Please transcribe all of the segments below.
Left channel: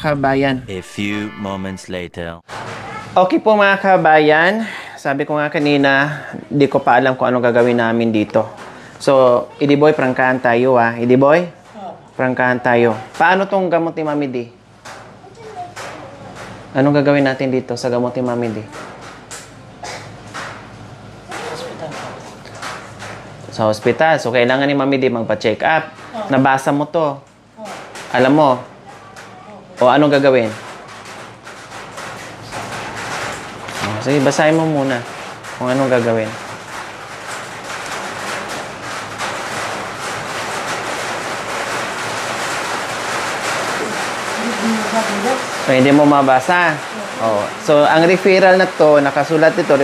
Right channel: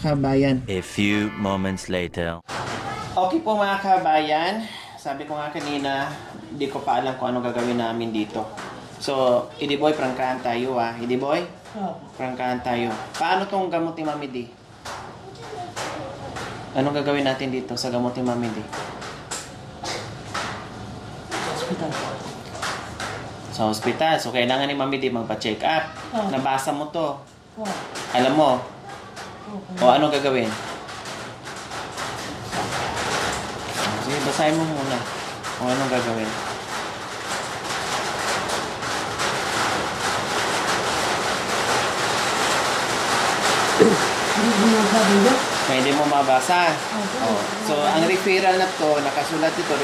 kabayan. A few moments later. Okay po mga kabayan, sabi ko nga kanina, di ko pa alam kung ano gagawin namin dito. So, Idiboy, prangkahan tayo Idiboy, prangkahan tayo. Paano tong gamot ni Mami D? Anong gagawin natin dito sa gamot ni Mami D? Sa hospital. So, kailangan ni Mami D magpa-check up. Nabasa mo to. Alam mo. O anong gagawin? Sige, basahin mo muna kung anong gagawin. So, hindi mo mabasa. So, ang referral na to, nakasulat ito,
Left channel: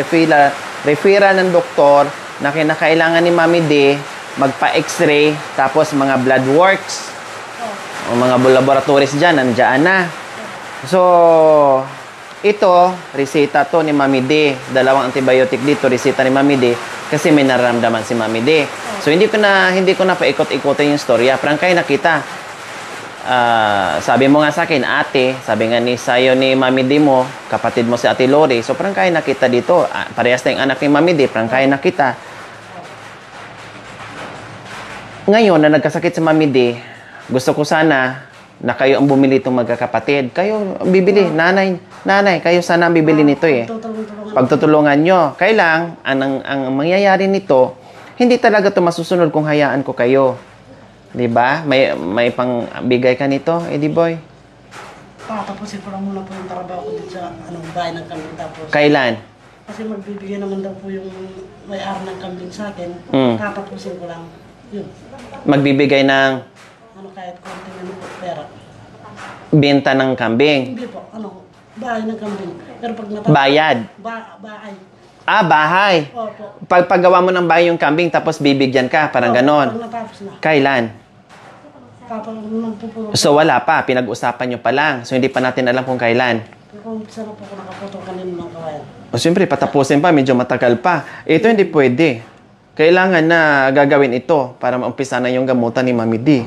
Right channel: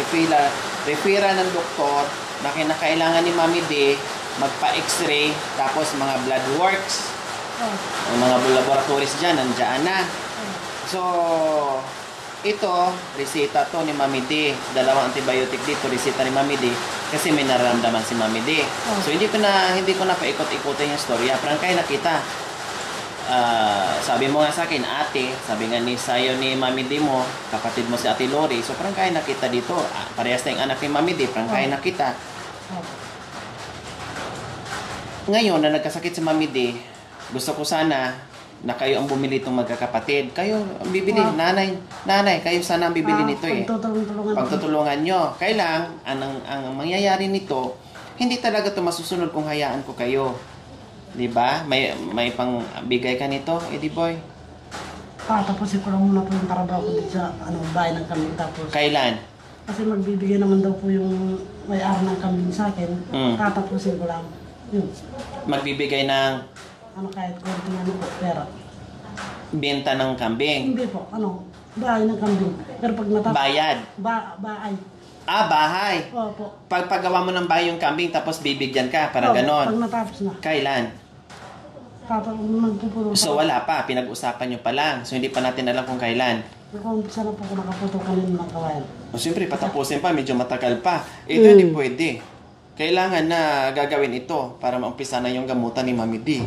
referral ng doktor na kinakailangan ni Mami D magpa-x-ray, tapos mga blood works, o mga laboratories dyan, nandiyan na. So, ito, reseta to ni Mami D. Dalawang antibiotic dito, reseta ni Mami D, kasi may nararamdaman si Mami D. So, hindi ko na paikot-ikotin yung storya. Prangkay na kita. Sabi mo nga sa akin, ate, sabi nga ni sayo ni Mami D mo, kapatid mo si Ate Lori, so prangkay na kita dito. Parehas na yung anak ni Mami D, prangkay na kita. Ngayon, na nagkasakit si Mami D, gusto ko sana na kayo ang bumili itong magkakapatid. Kayo bibili, nanay, kayo sana ang bibili nito Pagtutulungan nyo. Kailang, ang mangyayari nito, hindi talaga ito masusunod kung hayaan ko kayo. Diba? May pang bigay ka nito, Idiboy? Tapusin ko lang muna po yung trabaho ko dito sa bahay ng kambing. Tapos, kailan? Kasi magbibigay naman daw po yung may-ari ng kambing sa akin. Tatapusin ko lang. Magbibigay ng kahit konti ng pera. Benta ng kambing? Hindi po, bahay ng kambing. Pero pag bayad? Bahay. Bahay. Opo. Paggawa mo ng bahay yung kambing, tapos bibigyan ka, parang ganon. Pag natapos na. Kailan? Magpupuro. So wala pa, pinag-usapan nyo pa lang. So hindi pa natin alam kung kailan. Umpisa na po kung nakaputo kanina ng kawayan. O siyempre, patapusin pa, medyo matagal pa. Ito hindi pwede. Kailangan na gagawin ito para maumpisa na yung gamutan ni Mami D.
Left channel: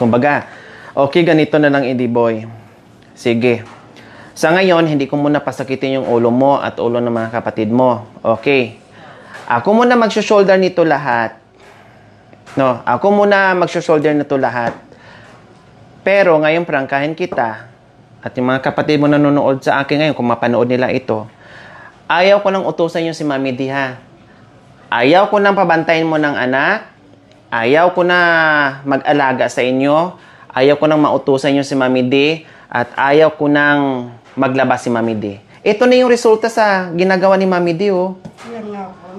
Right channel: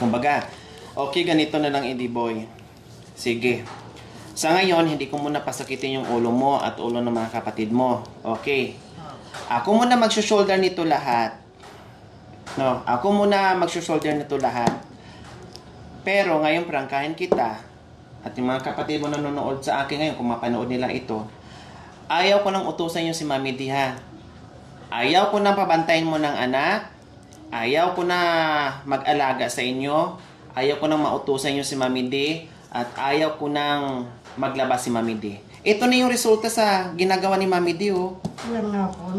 Kumbaga, okay, ganito na lang, Idiboy. Sige. Sa ngayon, hindi ko muna pasakitin yung ulo mo at ulo ng mga kapatid mo. Okay. Ako muna mag-shoulder nito lahat. No, ako muna mag-shoulder nito lahat. Pero ngayon, prangkahin kita. At yung mga kapatid mo nanonood sa akin ngayon, kung mapanood nila ito, ayaw ko nang utusan yung si Mami D, ha? Ayaw ko nang pabantayin mo ng anak. Ayaw ko na mag-alaga sa inyo. Ayaw ko nang mautusan yung si Mami D. At ayaw ko nang maglabas si Mami D. Ito na yung resulta sa ginagawa ni Mami D,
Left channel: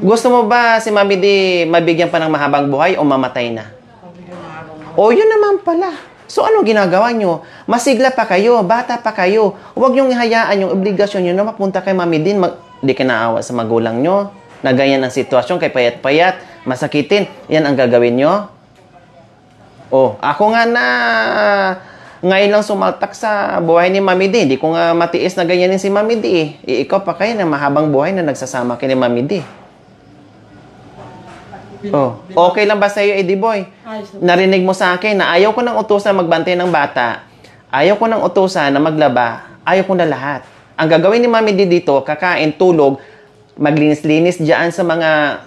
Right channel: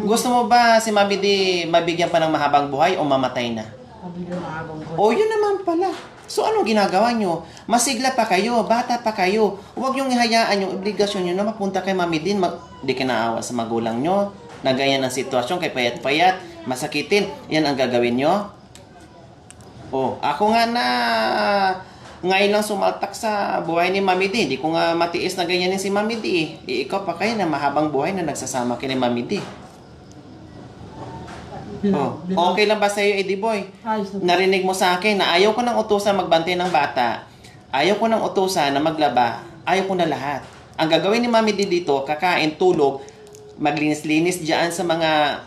Gusto mo ba si Mami D mabigyan pa ng mahabang buhay o mamatay na? Mabigyan mahabang buhay. O, yun naman pala. So, ano ginagawa nyo? Masigla pa kayo, bata pa kayo. Huwag nyong ihayaan yung obligasyon nyo na mapunta kay Mami D. Di ka naawa sa magulang nyo. Na ganyan ang sitwasyon, kay payat-payat, masakitin. Yan ang gagawin nyo? Ako nga na ngayon lang sumaltak sa buhay ni Mami D. Hindi ko nga matiis na ganyanin si Mami D. Ikaw pa kayo na mahabang buhay na nagsasama kay ni Mami D. Okay lang ba sa iyo, Idiboy? Narinig mo sa akin na ayaw ko nang utusan magbantay ng bata. Ayaw ko nang utusan na maglaba. Ayaw ko na lahat. Ang gagawin ni Mami D dito, kakain, tulog, maglinis-linis dyan sa mga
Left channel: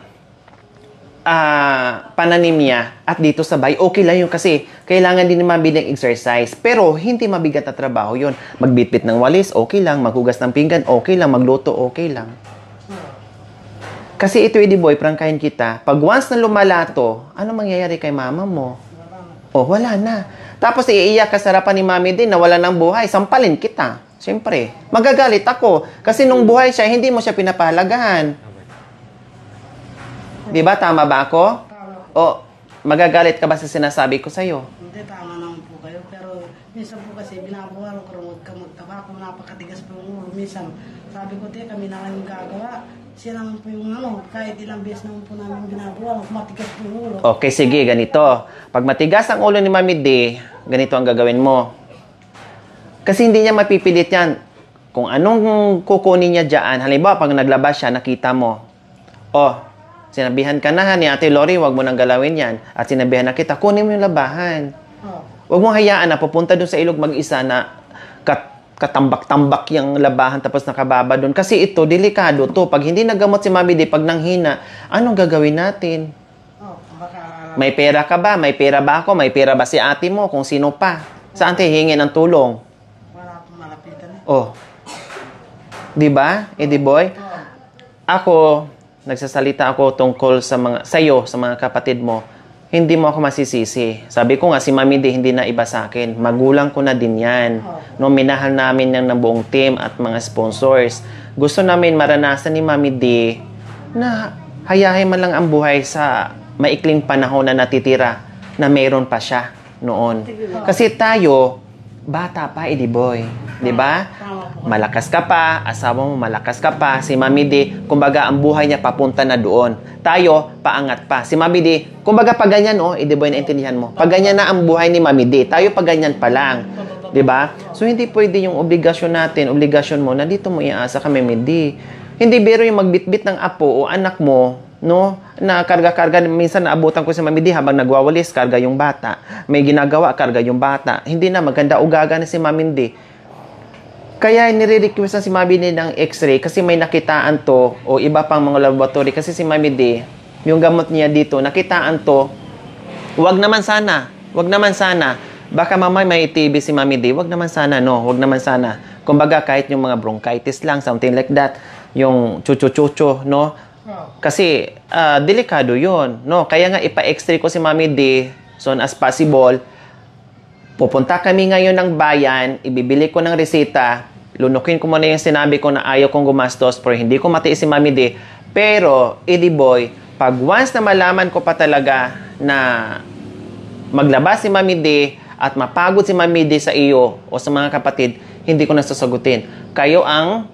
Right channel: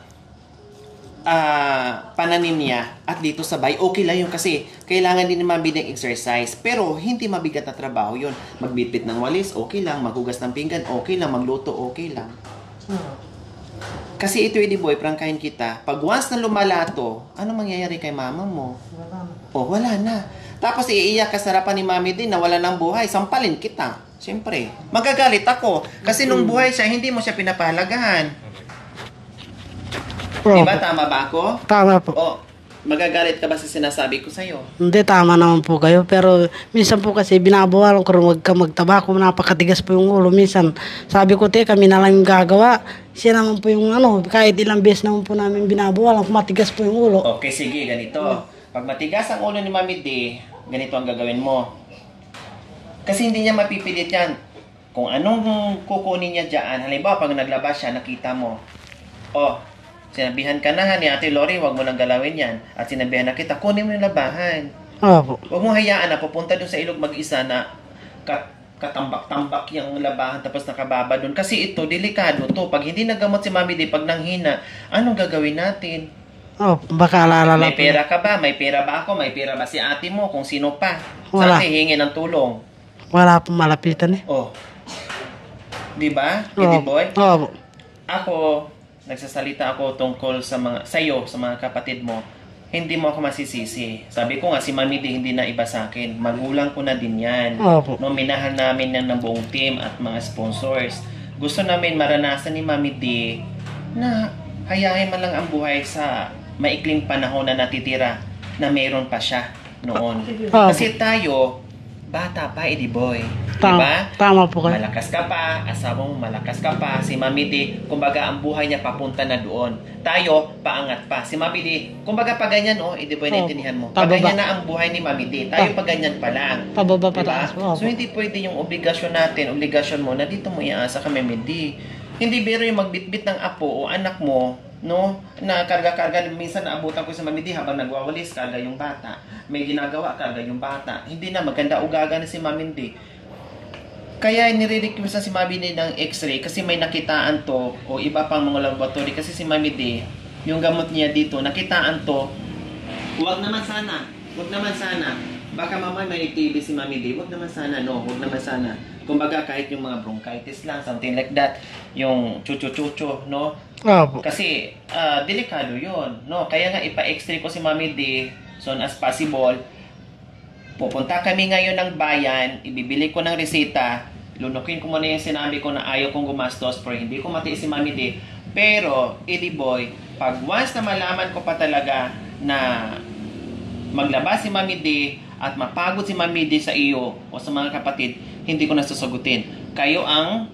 pananim niya at dito sa bahay, okay lang yun kasi kailangan din naman ng exercise. Pero hindi mabigat na trabaho yun. Magbitbit ng walis, okay lang. Maghugas ng pinggan, okay lang. Magluto, okay lang. Kasi ito, Idiboy, prangkahin kita. Pag once na lumalato, ano mangyayari kay mama mo? Wala na. Tapos iiyak ka sa harapan ni Mami din na wala ng buhay. Sampalin kita. Siyempre. Magagalit ako. Kasi nung buhay siya, hindi mo siya pinapahalagahan. Diba? Tama ba ako? Tama po. Magagalit ka ba sa sinasabi ko sa'yo? Hindi, tama naman po kayo. Pero minsan po kasi binabawalan ko rin wag ka magtabako. Napakatigas po yung ulo. Minsan, sabi ko, kami na lang yung gagawa. Siya naman po yung kahit ilang beses naman po namin binabawalan. Matigas po yung ulo. Okay, sige, ganito. Pag matigas ang ulo ni Mami D, ganito ang gagawin mo. Kasi hindi niya mapipilit yan. Kung anong kukunin niya dyan, halimbawa, pag naglabas siya, nakita mo, sinabihan ka na ni Ate Lori, wag mo nang galawin yan. At sinabihan na kita, kunin mo yung labahan. Opo. Huwag mong hayaan na pupunta dun sa ilog mag-isa na katambak-tambak yung labahan tapos nakababa doon. Kasi ito, delikado to. Pag hindi nagamot si Mami D, pag nanghina, anong gagawin natin? Oh, baka alala May pera ka ba? May pera ba ako? May pera ba si ate mo? Kung sino pa? Saan Wala. tayo hingin ng tulong? Wala pong malapitan eh. Oh. Di ba, Oh. Eddie Boy? Oh, Ako, nagsasalita ako tungkol sa sa'yo, sa mga kapatid mo. Hindi mo ako masisisi. Sabi ko nga, si Mami D hindi na iba sa akin. Magulang ko na din yan. Opo. No, minahal namin yan ng buong team at mga sponsors. Gusto namin maranasan ni Mami D na hayahin man lang ang buhay sa maikling panahon na natitira na meron pa siya noon. Opo. Kasi tayo, bata pa, Eddie Boy. Diba? Tama po kayo. Malakas ka pa, asawa mo malakas ka pa, si Mami D, kumbaga ang buhay niya papunta na doon. Tayo, paangat pa. Si Mami D, kumbaga pag ganyan, Eddie Boy, naintindihan mo. Pag ganyan na ang buhay ni Mami D, tayo pag ganyan pa lang. Pababa pa Diba? lang. So, hindi pwede yung obligasyon natin, obligasyon mo, na dito mo iaasa ka, Mami D. Hindi biro yung magbitbit ng apo o anak mo, no? Na karga-karga, minsan naabutan ko si Mami D habang nagwawalis, karga yung bata. May ginagawa, karga yung bata. Hindi na, maganda ugaga na si Mami D. Kaya nire-request na si Mami D ng x-ray kasi may nakitaan to o iba pang mga laboratory. Kasi si Mami D, yung gamot niya dito, nakitaan to. Wag naman sana. Baka mamay may TB si Mami D. Wag naman sana, no? Wag naman sana. Kumbaga kahit yung mga bronchitis lang, something like that. Yung chuchu-chuchu, no? Opo. Kasi delikado yun, no? Kaya nga ipa-x-ray ko si Mami D soon as possible. Pupunta kami ngayon ng bayan, ibibili ko ng reseta, lunukin ko muna yung sinabi ko na ayaw kong gumastos pero hindi ko matiis si Mami D. Pero, Eddie Boy, pag once na malaman ko pa talaga na maglabas si Mami D at mapagod si Mami D sa iyo o sa mga kapatid, hindi ko na sasagutin. Kayo ang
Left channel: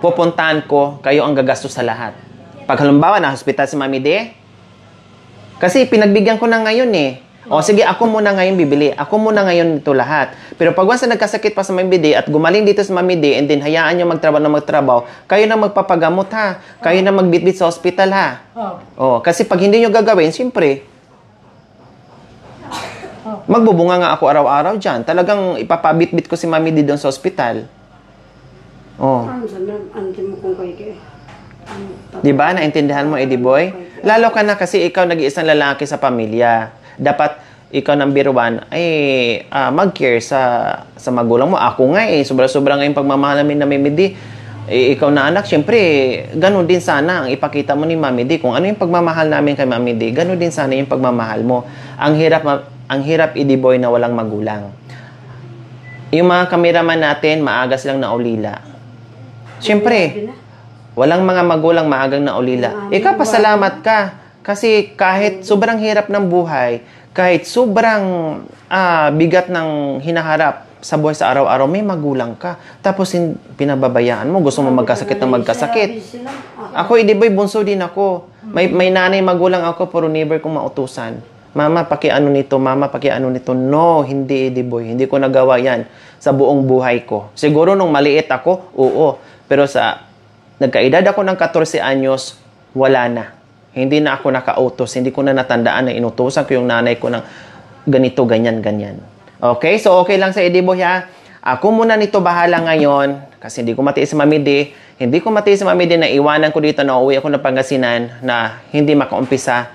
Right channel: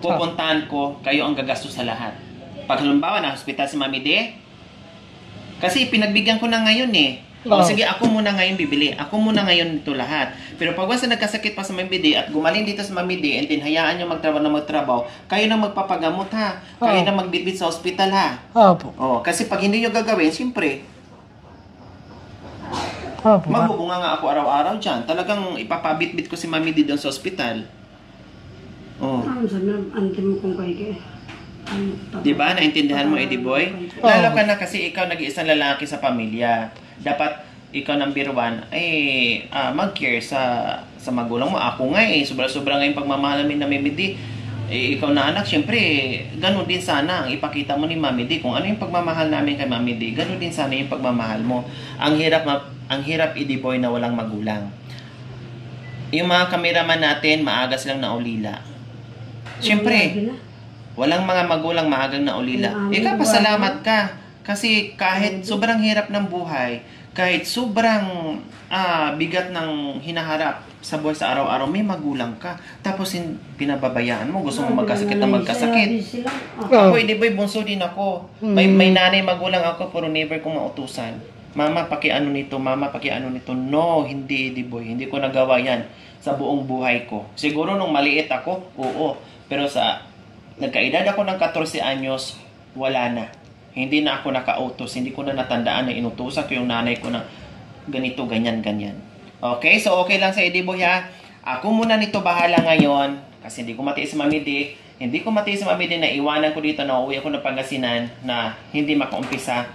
pupuntahan ko, kayo ang gagastos sa lahat. Pag halimbawa na hospital si Mami D, kasi pinagbigyan ko na ngayon eh. O sige, ako muna ngayon bibili. Ako muna ngayon ito lahat. Pero pag once na nagkasakit pa sa Mami D at gumaling dito sa Mami D and then hayaan nyo magtrabaho, kayo na magpapagamot ha. Kayo na magbitbit sa hospital ha. Opo. Kasi pag hindi nyo gagawin, siyempre, Opo. magbubunga nga ako araw-araw dyan. Talagang ipapabitbit ko si Mami D doon sa hospital. Ano sabi, anti mo kung kayo Di ba? Naintindihan mo, Eddie Boy? Lalo ka na kasi ikaw nag-iisang lalaki sa pamilya. Dapat ikaw number one ay mag-care sa magulang mo. Ako nga sobra-sobra nga yung pagmamahal namin na Mami D. Ikaw na anak, syempre, ganun din sana ang ipakita mo ni Mami D. Kung ano yung pagmamahal namin kay Mami D, ganun din sana yung pagmamahal mo. Ang hirap, Eddie Boy, na walang magulang. Yung mga kameraman natin, maaga silang naulila. Syempre, walang mga magulang maagang naulila. Ikaw, pasalamat ka. Kasi kahit sobrang hirap ng buhay, kahit sobrang bigat ng hinaharap sa buhay sa araw-araw, may magulang ka. Tapos pinababayaan mo, gusto mo magkasakit na magkasakit. Ako, Eddie Boy, bunso din ako. May nanay, magulang ako, pero never kong mautusan. Mama, pakiano nito, mama, pakiano nito. No, hindi, Eddie Boy. Hindi ko nagawa yan sa buong buhay ko. Siguro nung maliit ako, oo. Pero nagkaedad ako ng 14 anyos, wala na. Hindi na ako nakautos. Hindi ko na natandaan na inutusan ko yung nanay ko ng ganito, ganyan, ganyan. Okay? So, okay lang sa Eddie Boy, ha? Ako muna nito bahala ngayon kasi hindi ko matiis si Mami D. Hindi ko matiis si Mami D na iwanan ko dito na uwi ako ng Pangasinan na hindi makaumpisa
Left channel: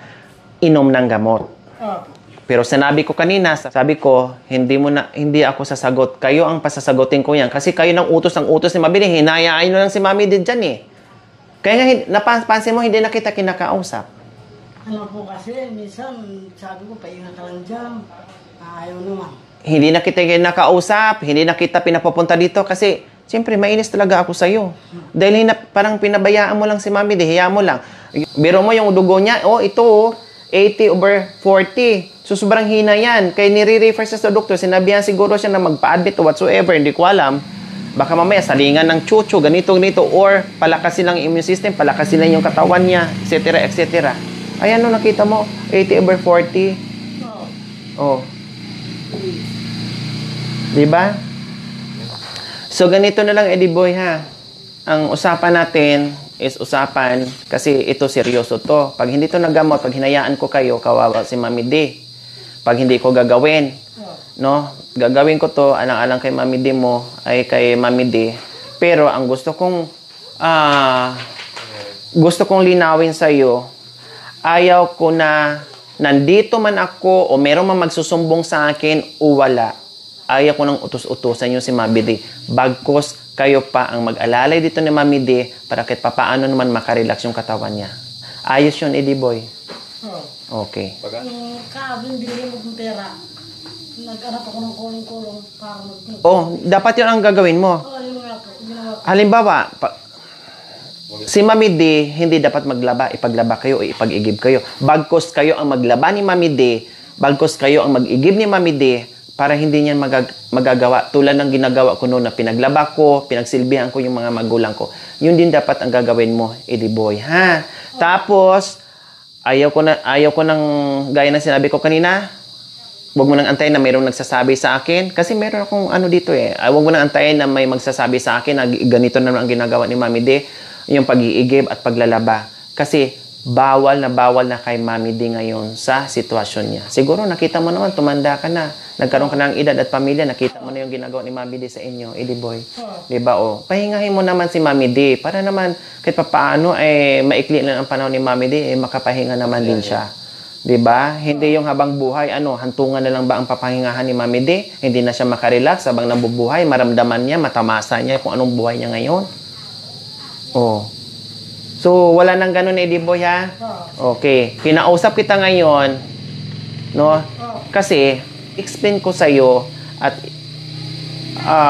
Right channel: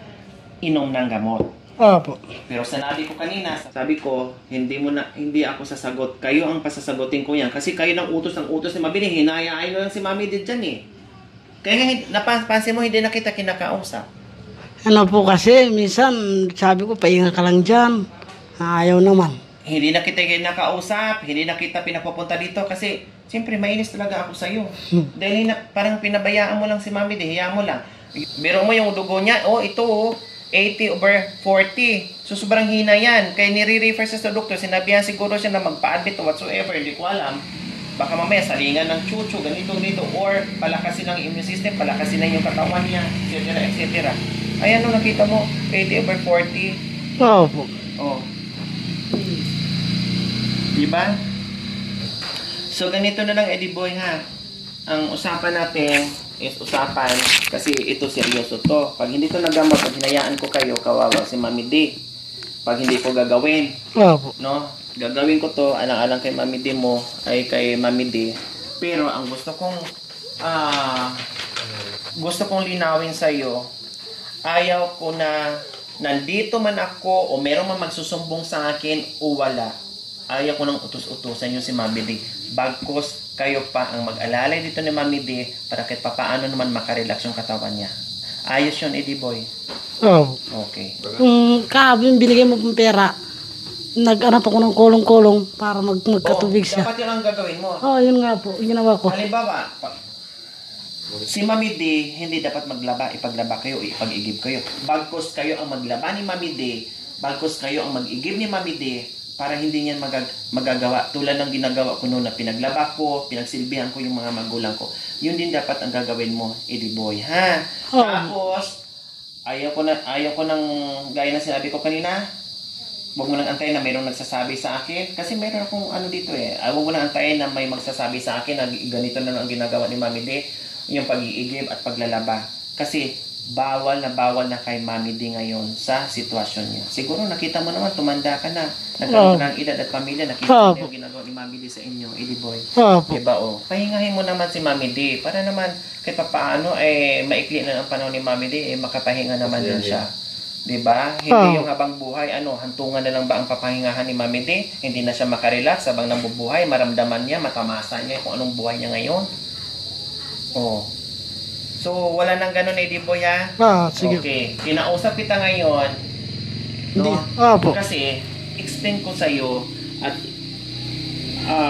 inom ng gamot. Opo. Pero sinabi ko kanina, sabi ko, hindi ako sasagot. Kayo ang pasasagutin ko yan. Kasi kayo ng utos ni Mami D. Hinayaan nyo lang si Mami D dyan eh. Kaya napansin mo, hindi na kita kinakausap. Ano po kasi, minsan sabi ko, pahinga ka lang dyan. Ayaw naman. Hindi na kita kinakausap, hindi na kita pinapupunta dito kasi siyempre mainis talaga ako sa'yo. Dahil parang pinabayaan mo lang si Mami D, hiya mo lang. Biro mo yung dugo niya, ito 80/40. So sobrang hina yan. Kaya nire-refer siya sa doktor, sinabihan siguro siya na magpa-admit o whatsoever, hindi ko alam. Baka mamaya salingan ng chuchu, ganito, or palakasin lang immune system, palakasin lang yung katawan niya, etc., etc. Ayan, nakita mo, 80/40. Opo. Oh. Diba? So, ganito na lang, Eddie Boy, ha? Ang usapan natin is usapan, kasi ito seryoso to. Pag hindi to nagamot, pag hinayaan ko kayo, kawawa si Mami D. pag hindi ko gagawin. Opo. No? Gagawin ko to, alang-alang kay Mami D mo, ay kay Mami D. Pero ang gusto kong linawin sa iyo, ayaw ko na nandito man ako o meron man magsusumbong sa akin o wala. Ayaw ko nang utos-utusan yung si Mami D. Bagkos kayo pa ang mag-alalay dito ni Mami D para kahit papaano naman makarelax yung katawan niya. Ayos yun, Eddie Boy. Opo. Okay. Kahapon yung binigay mo pong pera, nag-anap ako ng kulong-kulong para Oh, magkatubig siya. dapat yun ang gagawin mo. Yun nga po. Ginawa ko. Halimbawa, si Mami D, hindi dapat maglaba. Ipaglaba kayo o ipag-igib kayo. Bagkos kayo ang maglaba ni Mami D, bagkos kayo ang mag-igib ni Mami D, para hindi niyan magagawa. Tulad ng ginagawa ko noon na pinaglaba ko, pinagsilbihan ko yung mga magulang ko. Yun din dapat ang gagawin mo, Eddie Boy. Ha? Tapos, ayaw ko nang, gaya ng sinabi ko kanina, huwag mo nang antayin na mayroong nagsasabi sa akin. Kasi meron akong dito eh. Huwag mo nang antayin na may magsasabi sa akin na ganito naman ang ginagawa ni Mami D, yung pag-iigib at paglalaba. Kasi bawal na kay Mami D ngayon sa sitwasyon niya. Siguro nakita mo naman, tumanda ka na. Nagkaroon ka ng edad at pamilya, nakita mo na yung ginagawa ni Mami D sa inyo, Eddie Boy. Diba o? Pahingahin mo naman si Mami D para naman kahit papaano maikli lang ang panahon ni Mami D, makapahinga naman din siya. Diba? Hindi yung habang buhay, hantungan na lang ba ang papahingahan ni Mami D? Hindi na siya makarelax habang nabubuhay, maramdaman niya, matamasa niya kung anong buhay niya ngayon. Oh. So, wala nang ganun, Eddie Boy, ha? Sige. Okay. Kinausap kita ngayon, no? Opo. Kasi, explain ko sa'yo at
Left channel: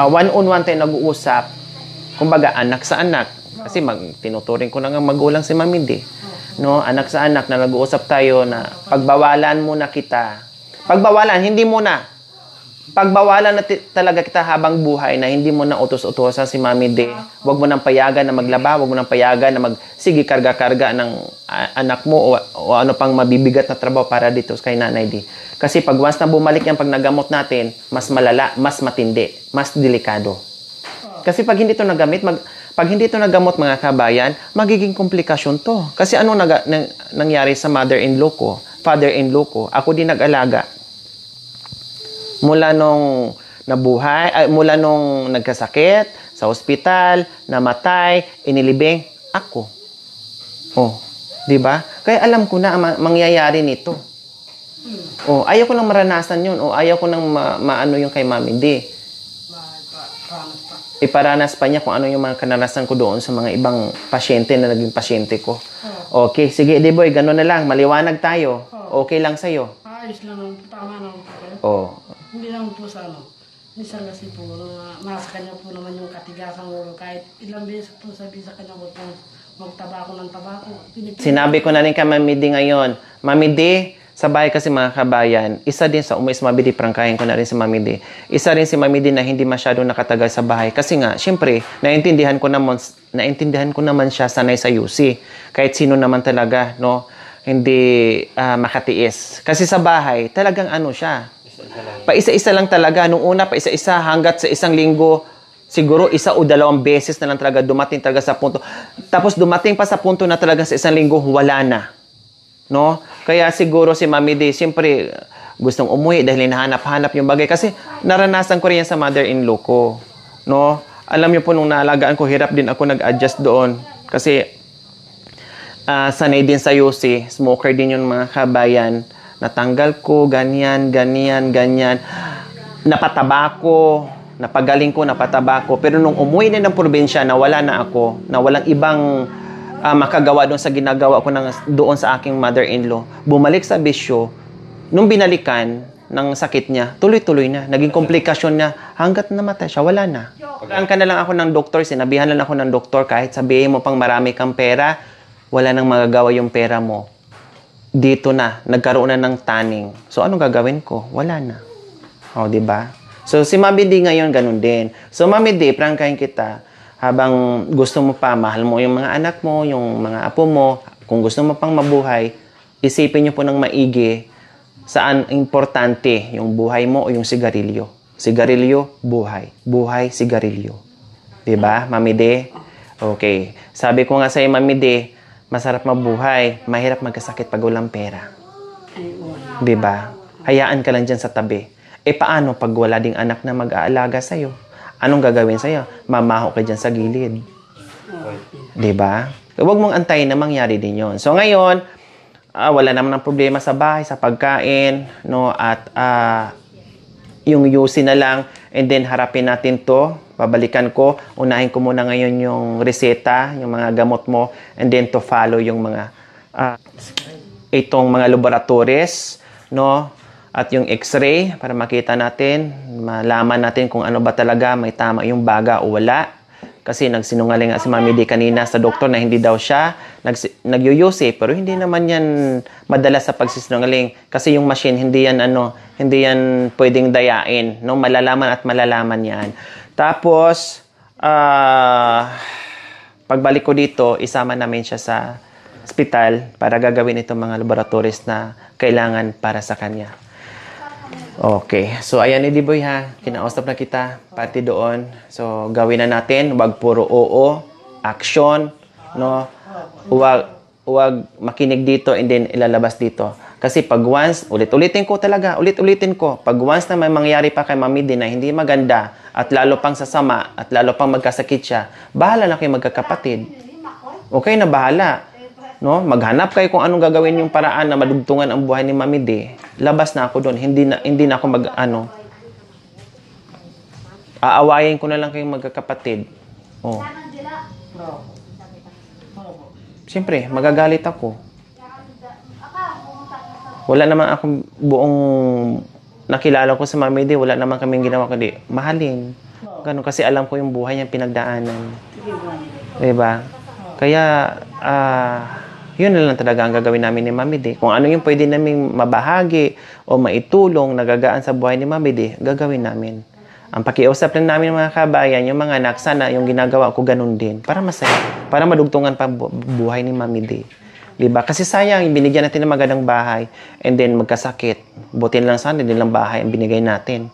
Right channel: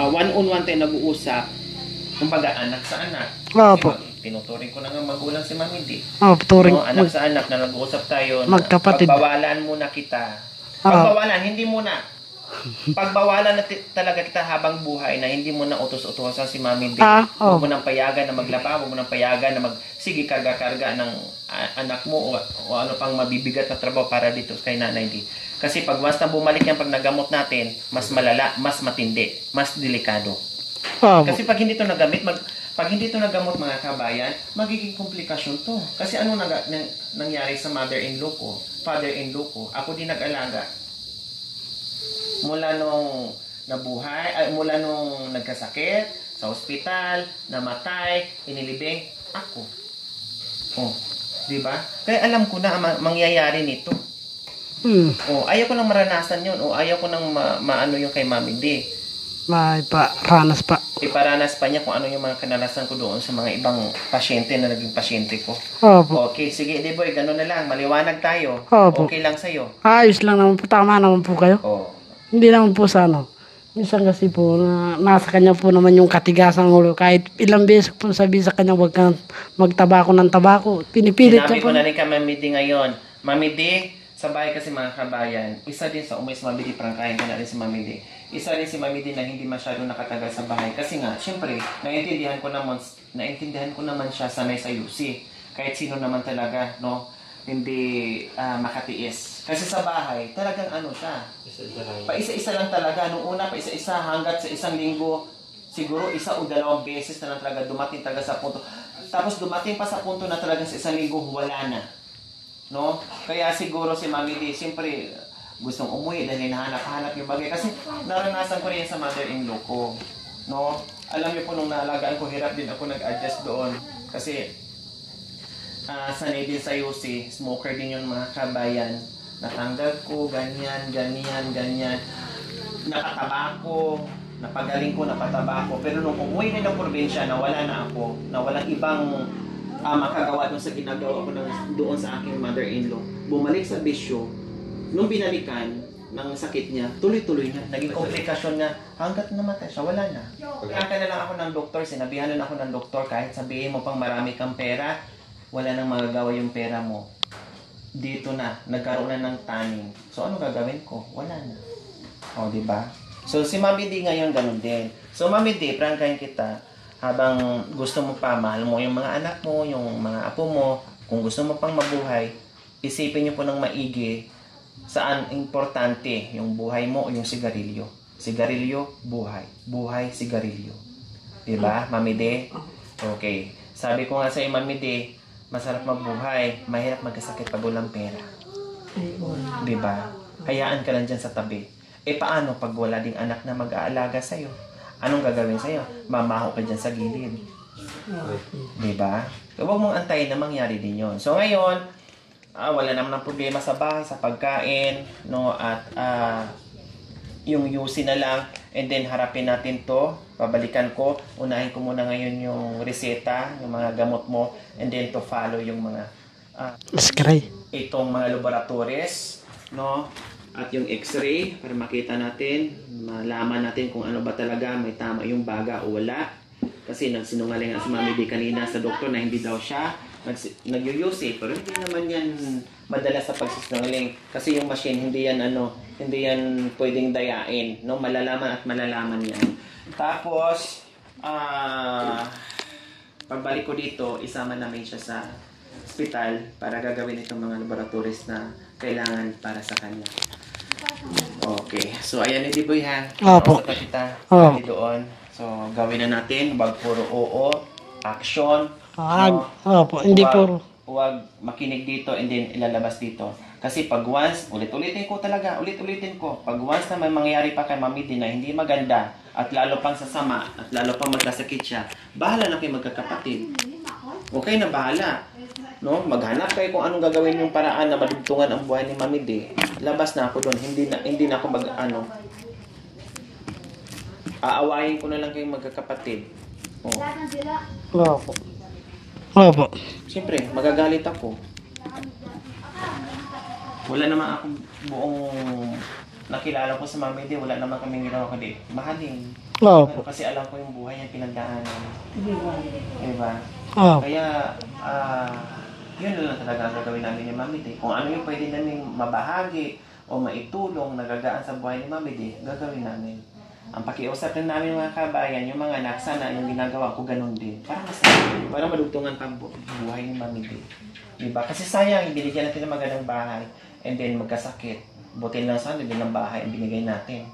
one-on-one tayo nag-uusap. Kumbaga, anak sa anak. Kasi tinuturing ko na nga magulang si Mami D. No? Anak sa anak na nag-uusap tayo na pagbawalan muna kita. Pagbawalan, hindi muna. Pagbawalan na talaga kita habang buhay na hindi mo na utos-utosan si Mami D. Huwag mo nang payagan na maglaba, huwag mo nang payagan na sige, karga-karga ng anak mo o ano pang mabibigat na trabaho para dito kay Nanay D. Kasi pag once na bumalik yan, pag nagamot natin, mas malala, mas matindi, mas delikado. Kasi pag hindi ito nagamot mga kabayan, magiging komplikasyon to. Kasi ano nangyari sa mother-in-law ko, father-in-law ko, ako din nag-alaga. Mula nung nabuhay, mula nung nagkasakit, sa ospital, namatay, inilibing, ako. Di ba? Kaya alam ko na ang mangyayari nito. Ayaw ko nang maranasan yun. Ayaw ko nang maano yung kay Mami D. Iparanas pa. Iparanas pa niya kung ano yung mga kananasan ko doon sa mga ibang pasyente na naging pasyente ko. Okay, sige, Eddie Boy, gano'n na lang. Maliwanag tayo. Okay lang sa'yo. Ayos lang naman po. Tama naman po kayo. Hindi naman po sa minsan kasi po, nasa kanya po naman yung katigasan ng ulo. Kahit ilang beses po sabi sa kanya, huwag kang magtabako ng tabako. Pinipilit Sinabi ko na rin kay Mami D ngayon. Mami D, sa bahay kasi mga kabayan, isa din sa umalis Mami D, prangkahin ko na rin si Mami D. Isa rin si Mami D na hindi masyadong nakatagal sa bahay. Kasi nga, syempre, naintindihan ko naman siya sanay sa UC. Kahit sino naman talaga, no, hindi makatiis. Kasi sa bahay, talagang siya. Pa-isa-isa lang talaga. Nung una, pa-isa-isa hanggat sa isang linggo, siguro 1 o 2 beses na lang talaga dumating talaga sa punto. Tapos dumating pa sa punto na talaga sa isang linggo, wala na. No? Kaya siguro si Mami D, siyempre, gustong umuwi dahil hinahanap-hanap yung bagay. Kasi naranasan ko rin yan sa mother-in-law ko. No? Alam niyo po, nung naalagaan ko, hirap din ako nag-adjust doon. Kasi sanay din sa UC, smoker din yung mga kabayan. Natanggal ko, ganyan. Napataba ko, napagaling ko, napataba ko. Pero nung umuwi na ng probinsya, nawala na ako, na walang ibang makagawa doon sa ginagawa ko doon sa aking mother-in-law. Bumalik sa bisyo, nung binalikan ng sakit niya, tuloy-tuloy na. Naging komplikasyon niya, hanggat namatay siya, wala na. Pagka na lang ako ng doktor, sinabihan lang ako ng doktor, kahit sabihin mo pang marami kang pera, wala nang magagawa yung pera mo. Dito na, nagkaroon na ng tanning. So, anong gagawin ko? Wala na. Di ba? So, si Mami D ngayon, ganun din. So, Mami D, prangkahin kita, habang gusto mo pa, mahal mo yung mga anak mo, yung mga apo mo, kung gusto mo pang mabuhay, isipin nyo po ng maigi saan importante yung buhay mo o yung sigarilyo. Sigarilyo, buhay. Buhay, sigarilyo. Diba, Mami D? Okay. Sabi ko nga sa'yo, Mami D, masarap mabuhay, mahirap magkasakit pag walang pera. Diba? Hayaan ka lang dyan sa tabi. Paano pag wala ding anak na mag-aalaga sa'yo? Anong gagawin sa'yo? Mamaho ka dyan sa gilid. Diba? Huwag mong antayin na mangyari din yon. So ngayon, wala naman ng problema sa bahay, sa pagkain, no? At yung UC na lang, and then harapin natin to. Babalikan ko. Unahin ko muna ngayon yung reseta, yung mga gamot mo, and then to follow yung mga itong mga laboratories, no? At yung x-ray para makita natin, malaman natin kung ano ba talaga, may tama yung baga o wala. Kasi nagsinungaling nga si Mami D kanina sa doktor na hindi daw siya nag-UC, pero hindi naman yan madalas sa pagsisinungaling. Kasi yung machine, hindi yan pwedeng dayain. No? Malalaman at malalaman yan. Tapos, pagbalik ko dito, isama namin siya sa ospital para gagawin itong mga laboratories na kailangan para sa kanya. Okay. So, ayan ni Diboy ha. Kinausap na kita pati doon. So, gawin na natin. Huwag puro oo. Action. No? Huwag makinig dito and then ilalabas dito. Kasi pag once, ulit-ulitin ko. Pag once na may mangyari pa kay Mami D na hindi maganda at lalo pang sasama at lalo pang magkasakit siya, bahala na kayo magkakapatid. Okay na bahala. No? Maghanap kayo kung anong gagawin yung paraan na madugtungan ang buhay ni Mami D. Labas na ako doon. Hindi na ako aawayin ko na lang kayong magkakapatid. Oh. Opo. Siyempre, magagalit ako. Wala naman akong buong nakilala ko sa Mami D. Wala naman kaming ginawa kundi mahalin. Ganun, kasi alam ko yung buhay niyang pinagdaanan. Diba? Kaya, yun na lang talaga ang gagawin namin ni Mami D. Kung ano yung pwede namin mabahagi o maitulong, nagagaan sa buhay ni Mami D, gagawin namin. Ang pakiusap rin namin mga kabayan, yung mga anak, sana yung ginagawa ko ganun din. Para masaya. Para madugtungan pa buhay ni Mami D. Diba? Kasi sayang, binigyan natin ng magandang bahay and then magkasakit. Butin lang sana, din lang bahay ang binigay natin.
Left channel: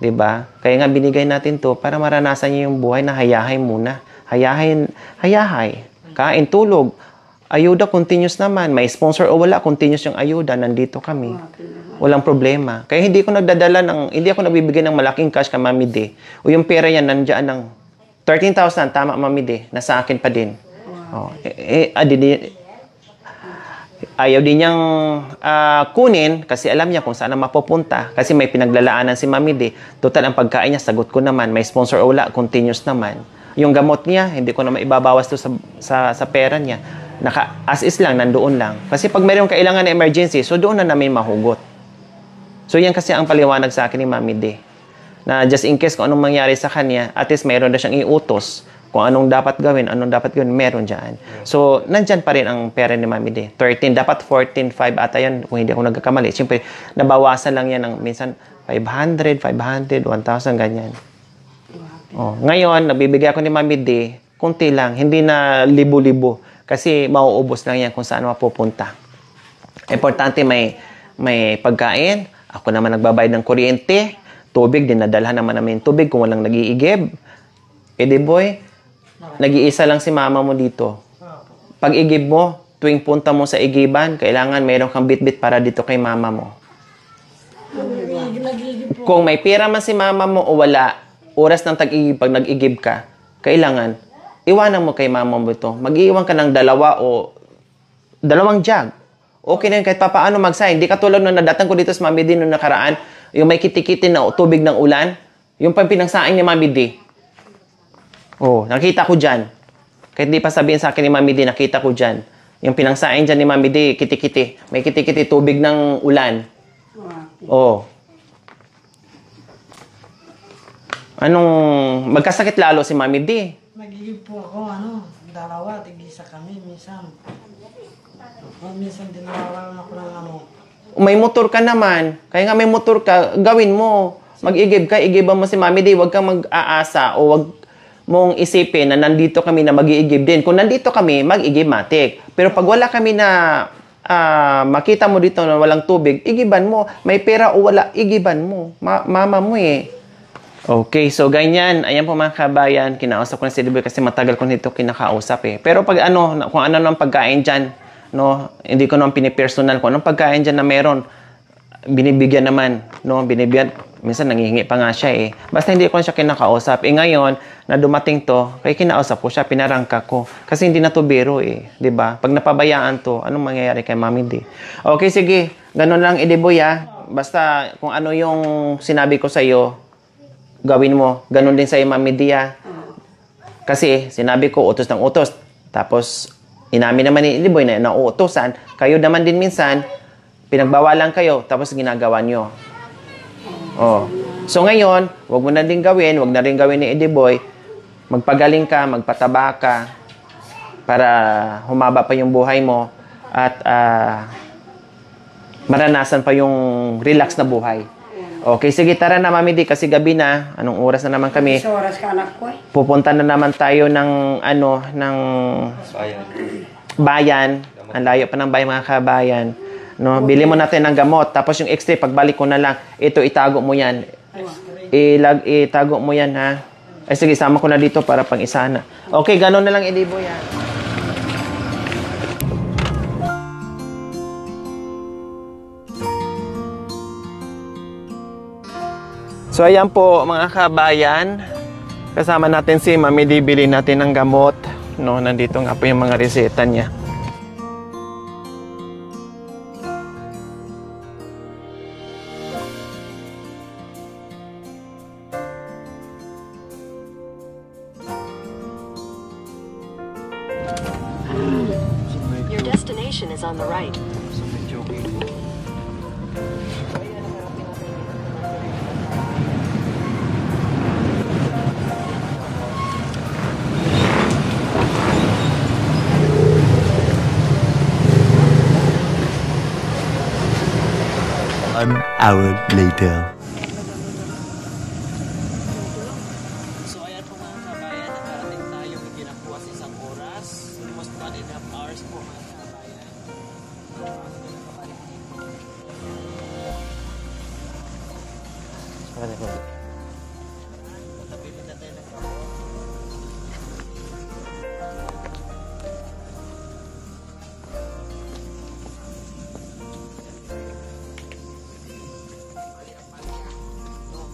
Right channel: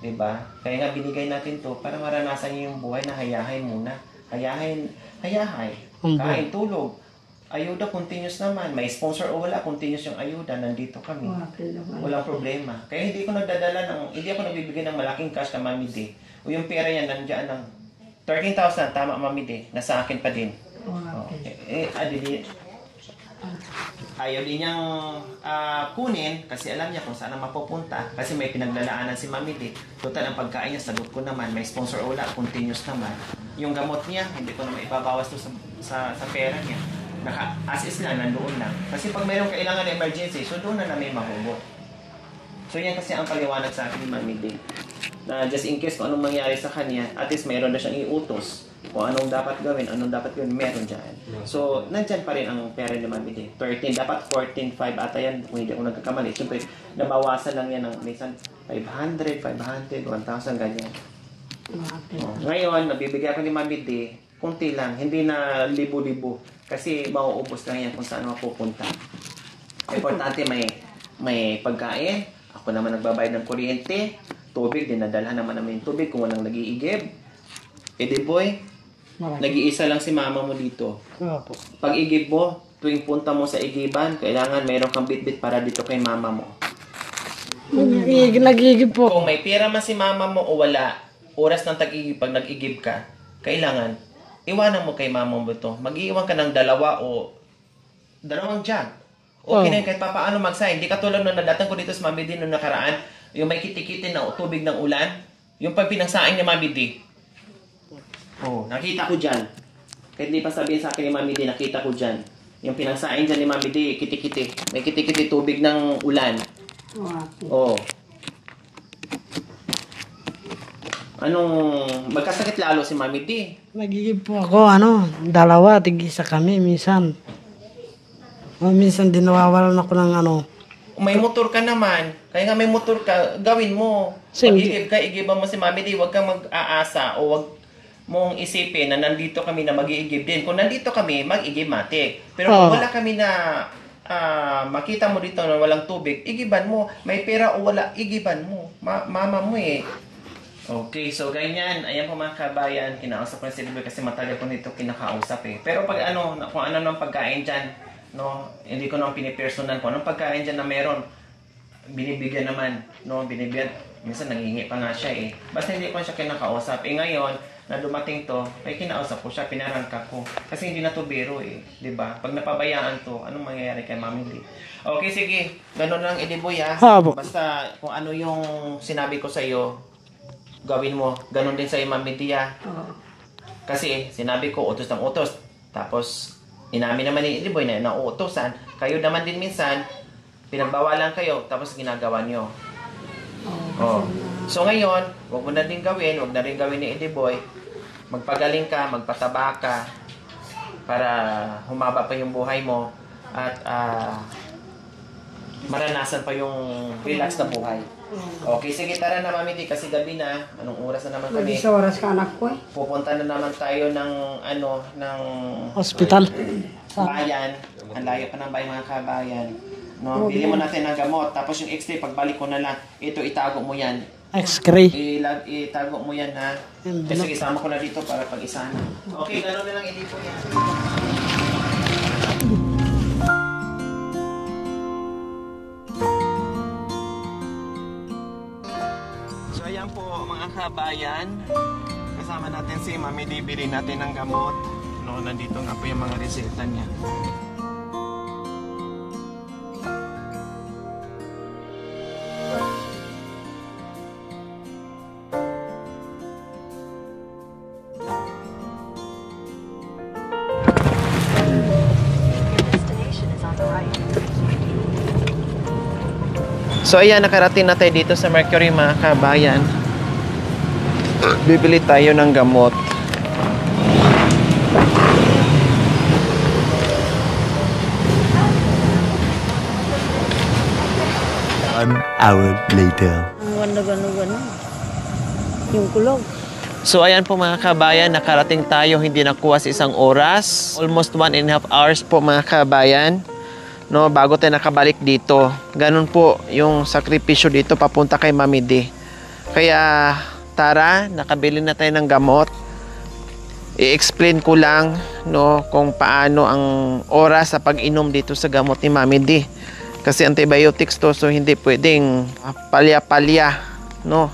Diba? Kaya nga binigay natin to para maranasan niyo yung buhay na hayahay muna. Hayahay. Kain, tulog. Ayuda, continuous naman. May sponsor o wala, continuous yung ayuda. Nandito kami. Walang problema. Kaya hindi ako nagbibigay ng malaking cash kay Mami D. O yung pera yan, nandiyan ng 13,000. Tama, Mami D. Nasa akin pa din. Ayaw din niyang kunin kasi alam niya kung saan mapupunta. Kasi may pinaglalaanan si Mami D. Total, ang pagkain niya, sagot ko naman. May sponsor o wala, continuous naman. Yung gamot niya, hindi ko na maibabawas to sa pera niya. As is lang, nandoon lang. Kasi pag mayroong kailangan na emergency, so doon na namin mahugot. So yan kasi ang paliwanag sa akin ni Mami D. Na just in case kung anong mangyari sa kanya, at least mayroon na siyang iutos. Kung anong dapat gawin, meron dyan. So, nandyan pa rin ang pera ni Mami D. 13, dapat 14.5 ata yan kung hindi ako nagkakamali. Siyempre, nabawasan lang yan ng minsan 500, 1,000, ganyan. Ngayon, nabibigay ako ni Mami D, kunti lang, hindi na libo-libo. Kasi mauubos lang yan kung saan mapupunta. Importante may pagkain. Ako naman nagbabayad ng kuryente. Tubig, dinadalhan naman namin tubig kung walang nag-iigib. Boy, nag-iisa lang si mama mo dito. Pag igib mo, tuwing punta mo sa igiban, kailangan mayroon kang bit-bit para dito kay mama mo. Nag-igib po. Kung may pera man si mama mo o wala, oras ng tag-igib, pag nag-igib ka, kailangan iwanan mo kay mama mo ito. Mag-iwan ka ng 2 o 2 jug. Okay na yun, kahit papaano mag-sign. Hindi katulad nung nadatang ko dito sa Mami D nung nakaraan, yung may kiti-kiti na tubig ng ulan, yung pinangsaing ni Mami D. Nakita ko dyan. Kahit di pa sabihin sa akin ni Mami D, nakita ko dyan. Yung pinangsaing dyan ni Mami D, kiti-kiti. May kiti-kiti, tubig ng ulan. Magkasakit lalo si Mami D? Nagigib po ako, 2, tig-isa kami minsan. Minsan din nawawalan ako ng May motor ka naman. Kaya nga may motor ka, gawin mo. Mag-igib ka, igiban mo si Mami D. Huwag kang mag-aasa o huwag mong isipin na nandito kami na mag-iigib din. Kung nandito kami, mag-igib matik. Pero pag wala kami na makita mo dito na walang tubig, igiban mo. May pera o wala, igiban mo. Mama mo eh. Okay, so ganyan. Ayan po mga kabayan, kinausap ko na si Diboy kasi matagal ko nito kinakausap eh. Pero pag kung ano nang pagkain dyan, hindi ko naman pinipersonal kung anong pagkain dyan na meron, binibigyan naman, no? Binibigyan, minsan nangihingi pa nga siya eh. Basta hindi ko siya kinakausap. Ngayon, na dumating to, kaya kinausap ko siya, pinarangka ko. Kasi hindi na to biro eh, di ba? Pag napabayaan to, anong mangyayari kay Mami D? Okay, sige. Ganun lang, Idiboy ah. Basta kung ano yung sinabi ko sa'yo, gawin mo. Ganun din sa'yo, Mami D ah. Kasi sinabi ko, utos ng utos. Tapos, inamin naman ni Idiboy na nauutosan. Kayo naman din minsan, pinagbawalan kayo, tapos ginagawa nyo. Oh. So ngayon, wag mo na din gawin, wag na rin gawin ni Idiboy. Magpagaling ka, magpataba ka para humaba pa yung buhay mo at maranasan pa yung relax na buhay. Okay, sige, tara na Mami D kasi gabi na. Anong oras na naman kami? Isang oras ka anak ko eh. Pupunta na naman tayo ng ng Hospital. bayan. Ang layo pa ng bayan, mga kabayan. No, bili mo natin ng gamot. Tapos yung X-ray, pagbalik ko na lang, ito itago mo yan. X-ray. Itago mo yan, ha? Ay, sige, sama ko na dito para pang isa na. Okay, gano'n na lang, Idiboy, ha? So, ayan po, mga kabayan. Kasama natin si Mami D, bili natin ng gamot. No, nandito nga po yung mga reseta niya. So ayan, nakarating na tayo dito sa Mercury, mga kabayan. Bibili tayo ng gamot. An hour later. Yung kulog. So ayan po, mga kabayan, nakarating tayo, hindi nakuha sa isang oras. Almost 1.5 hours po, mga kabayan. No, bago tayo nakabalik dito. Ganun po yung sakripisyo dito papunta kay Mami D. Kaya tara, nakabili na tayo ng gamot. I-explain ko lang, no, kung paano ang oras sa pag-inom dito sa gamot ni Mami D. Kasi antibiotics to, so hindi pwedeng palya-palya, no.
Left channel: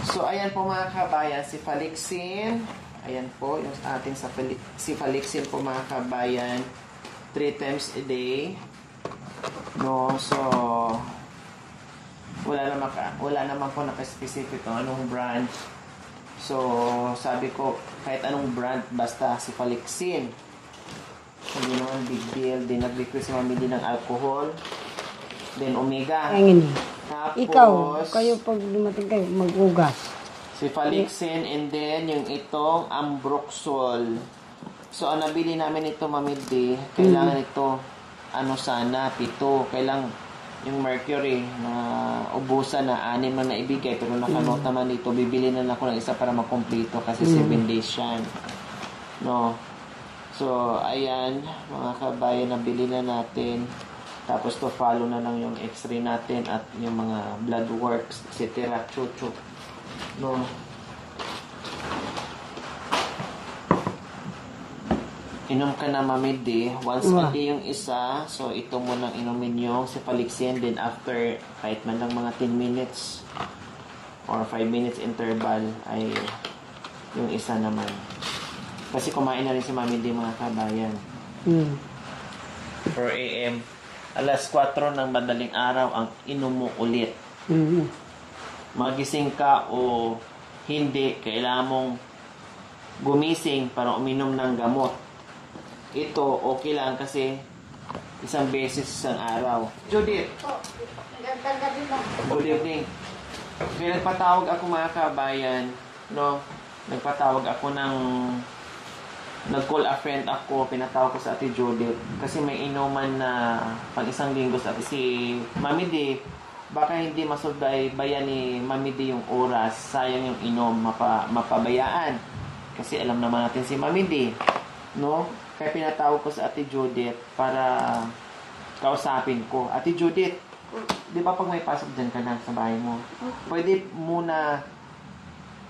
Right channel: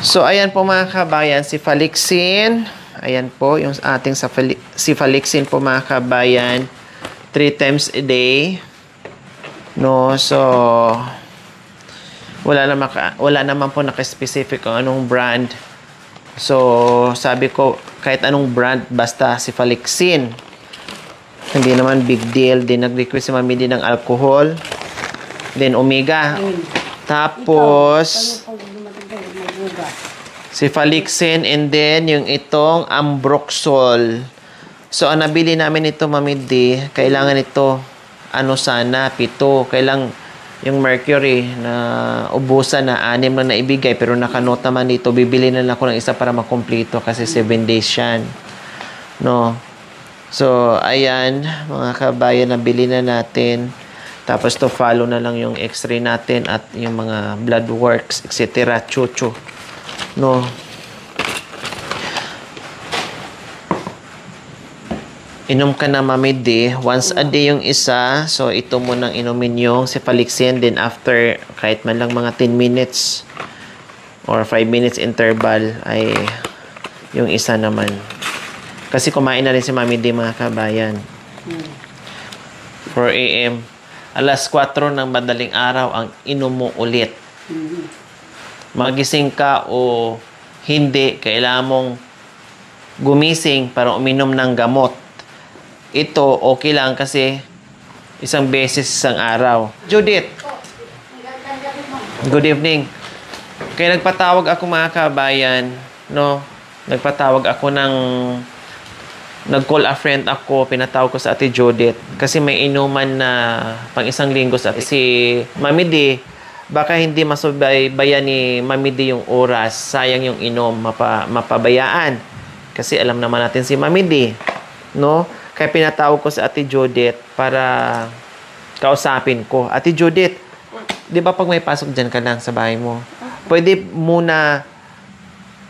So, ayan po, mga kabayan, si Falixin. Ayan po, yung ating si Falixin po, mga kabayan. 3 times a day. No, so, wala naman po naka-specific kung anong brand. So, sabi ko, kahit anong brand, basta si Falixin. Hindi naman big deal. Din nag-request si Mami din ng alcohol. Then, Omega. Tapos, Kayo pag dumating kayo, mag-uga. si Falixin, and then yung itong Ambroxol. So, ang nabili namin ito, Mami D, kailangan ito, sana, 7. Kailang yung Mercury na ubusan na 6 na naibigay, pero nakanota man dito, bibili na lang ako ng isa para makumpleto kasi 7 days yan. No? So, ayan, mga kabayan, nabili na natin. Tapos to follow na lang yung x-ray natin at yung mga blood works, etc. Chuchu. No. Inom ka na, Mami D. Once a day yung isa. So, ito mo nang inumin yung Cefalixin. Then after, kahit man lang mga 10 minutes or 5 minutes interval ay yung isa naman. Kasi kumain na rin si Mami D, mga kabayan. 4 a.m. Alas 4 ng madaling araw ang inom mo ulit. Magising ka o hindi, kailangan mong gumising para uminom ng gamot. Ito, okay lang kasi isang beses isang araw. Judith. Good evening. Kaya nagpatawag ako, mga kabayan, no? Nagpatawag ako nag-call a friend ako, pinatawag ko sa Ate Judith kasi may inuman na pang isang linggo sa si Mami D. Baka hindi masubaybayan ni Mami D yung oras, sayang yung inom, mapabayaan. Kasi alam naman natin si Mami D, no? Kaya pinatawag ko sa Ate Judith para kausapin ko. Ate Judith, di ba pag may pasok dyan ka lang sa bahay mo, pwede muna,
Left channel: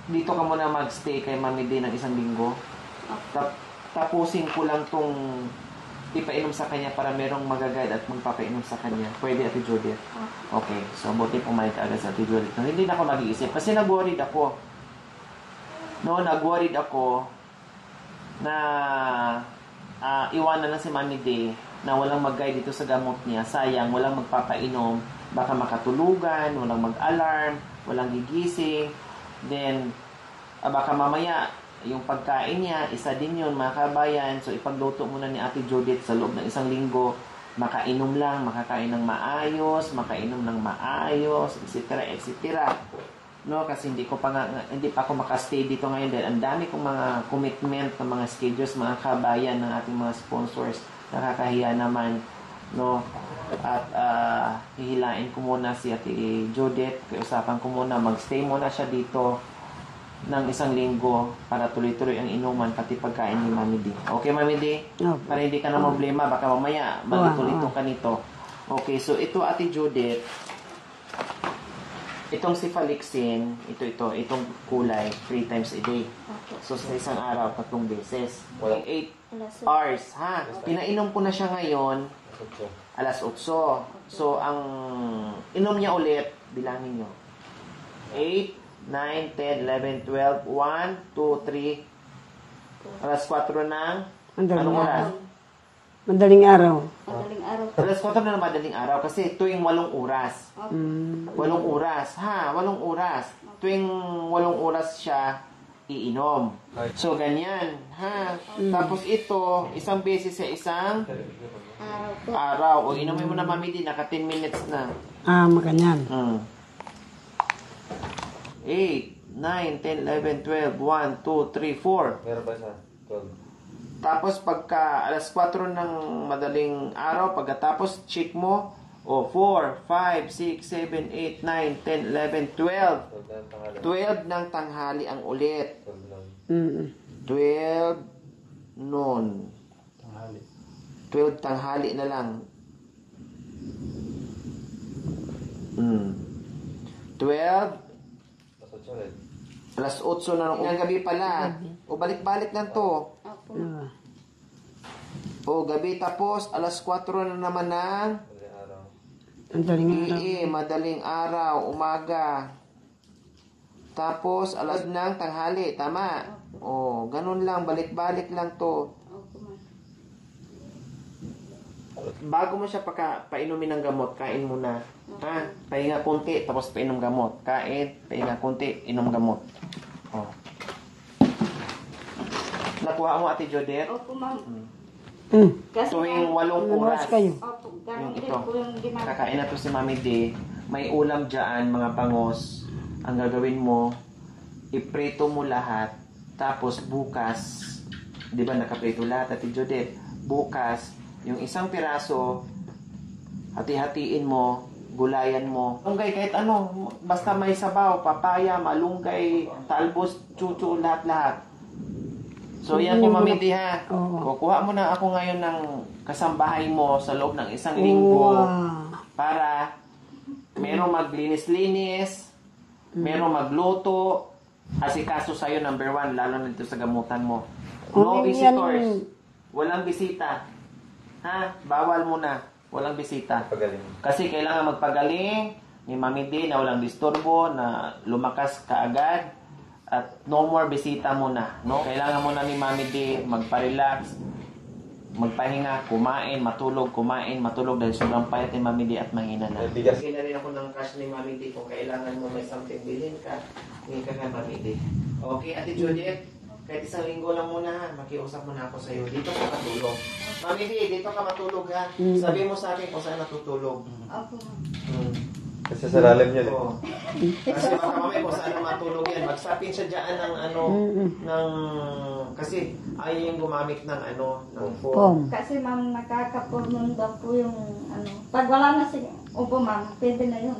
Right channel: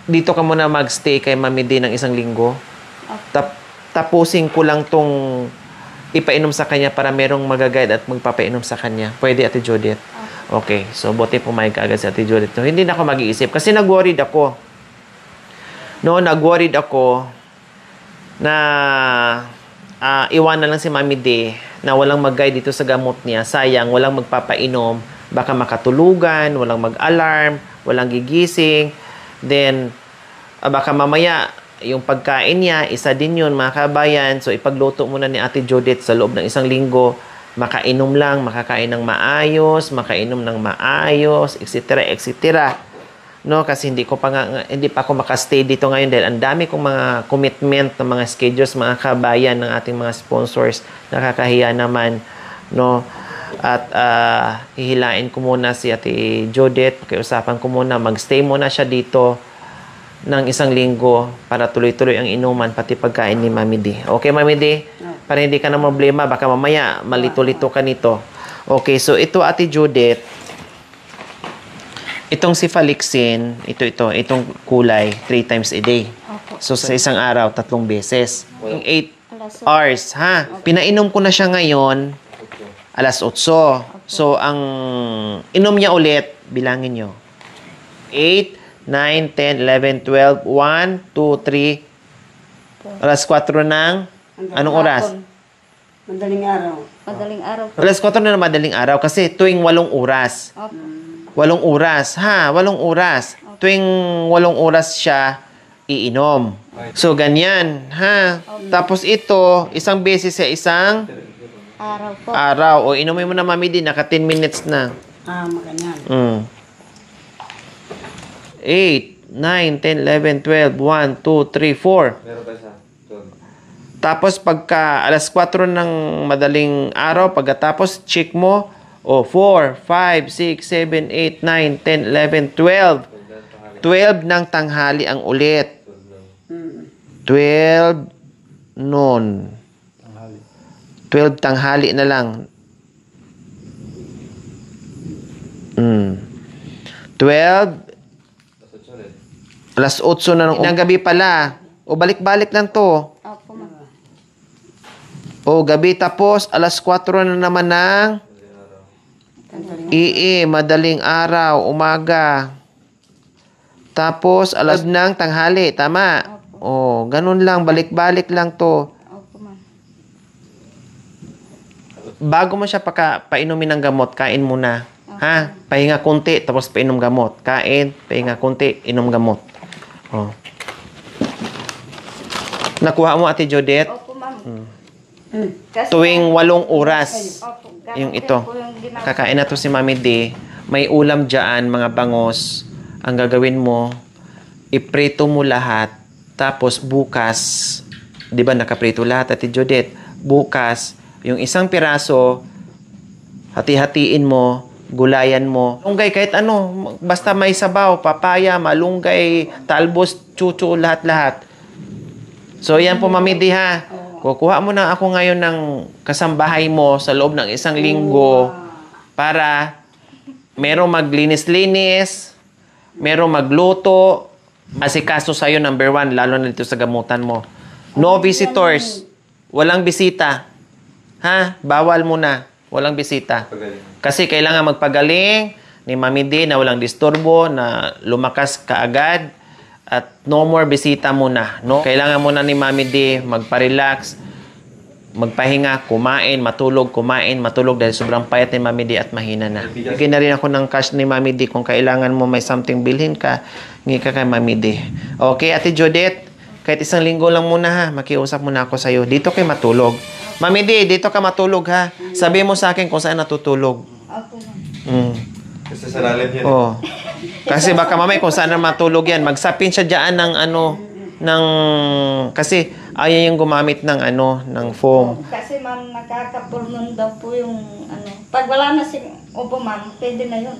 dito ka muna magstay kay Mami D ng 1 linggo. Tapusin ko lang tong ipainom sa kanya para merong magaguide at magpapainom sa kanya. Pwede, Ate Judith? Okay. So, buti pumayag ka agad si Ate Judith. So, hindi na ako mag-iisip. Kasi nag-worried ako. No, nag-worried ako na iwanan lang si Mami D na walang mag-guide dito sa gamot niya. Sayang, walang magpapainom. Baka makatulugan, walang mag-alarm, walang gigising. Then, baka mamaya, yung pagkain niya, isa din yun, mga kabayan. So, ipagluto muna ni Ate Judith sa loob ng 1 linggo. Makainom lang, makakain ng maayos, makainom ng maayos, etc., etc. No, kasi hindi pa ako makastay dito ngayon dahil ang dami kong mga commitment ng mga schedules, mga kabayan ng ating mga sponsors. Nakakahiya naman, no? At hihilain ko muna si Ate Judith. Pakiusapan ko muna, magstay muna siya dito ng 1 linggo para tuloy-tuloy ang inuman pati pagkain ni Mami D. Okay, Mami D? Para hindi ka na problema. Baka mamaya malito-lito ka nito. Okay, so ito, Ate Judith. Itong Cefalixin, itong kulay, 3 times a day. So, sa isang araw, 3 beses. 8 hours, ha? Pinainom ko na siya ngayon, alas 8. So, ang inom niya ulit, bilangin nyo. 8, 9, 10, 11, 12, 1, 2, 3. Alas 4 ng... Anong oras? Madaling araw. Madaling araw po. Alas 4 na madaling araw kasi tuwing 8 oras. 8 oras. 8 oras. Tuwing 8 oras siya iinom. So, ganyan. Ha? Tapos ito, isang beses sa isang Araw po. araw. O, inumin mo na, Mami D. Naka 10 minutes na. Maganyan. 8, 9, 10, 11, 12, 1, 2, 3, 4. Tapos pagka alas 4 ng madaling araw, pagkatapos check mo, 4, 5, 6, 7, 8, 9, 10, 11, 12. 12 ng tanghali ang ulit. 12 noon. 12 tanghali na lang. 12 alas 8 na ng gabi pala. O balik-balik lang to. Opo, ma'am. O gabi tapos alas 4 na naman ng madaling araw, umaga. Tapos alas ng tanghali, tama? O, ganun lang, balik-balik lang to. Opo, ma'am. Bago mo siya painumin ng gamot, kain muna. Ha? Pahinga kunti, tapos painom gamot. Kain, pahinga kunti, inom gamot. Oh. Nakuha mo, Ate Judith? Opo, ma'am. Kasi, Tuwing 8 oras. opo, ganun Yung din ito. po yung ginagawa. Kakain na to si Mami D. May ulam dyan, mga bangos. Ang gagawin mo, iprito mo lahat. Tapos bukas, di ba nakaprito lahat, Ate Judith? Bukas, yung isang piraso, hati-hatiin mo, gulayan mo. Malunggay kahit ano, basta may sabaw, papaya, malunggay, talbos, chucho, lahat-lahat. So, yan po, Mami D, ha? Kukuha mo na ako ngayon ng kasambahay mo sa loob ng 1 linggo para merong maglinis-linis, merong magluto, asikaso sa'yo, number 1, lalo na dito sa gamutan mo. No visitors. Walang bisita. Ha? Bawal muna. Walang bisita. Kasi kailangan magpagaling ni Mami D na walang disturbo, na lumakas kaagad, at no more bisita muna. No? Kailangan muna ni Mami D magpa-relax, magpahinga, kumain, matulog dahil sobrang payat ni Mami D at mahina na. Bigyan na rin ako ng cash ni Mami D kung kailangan mo may something bilhin ka, ngi ka kay Mami D. Okay, Ate Judith, kahit 1 linggo lang muna ha, makiusap muna ako sa'yo. Dito kayo matulog. Mami D, dito ka matulog ha. Sabi mo sa akin kung saan natutulog. Opo, ma'am. Kasi sa lalim yan. Oh. Kasi baka mamay kung saan na matulog yan, magsapin siya diyan ng kasi ayaw yung gumamit ng ng foam. Kasi, ma'am, nakakapulmon daw po yung Pag wala na si Opo, ma'am, pwede na yun.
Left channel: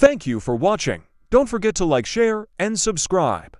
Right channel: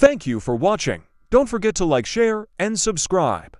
Thank you for watching. Don't forget to like, share, and subscribe.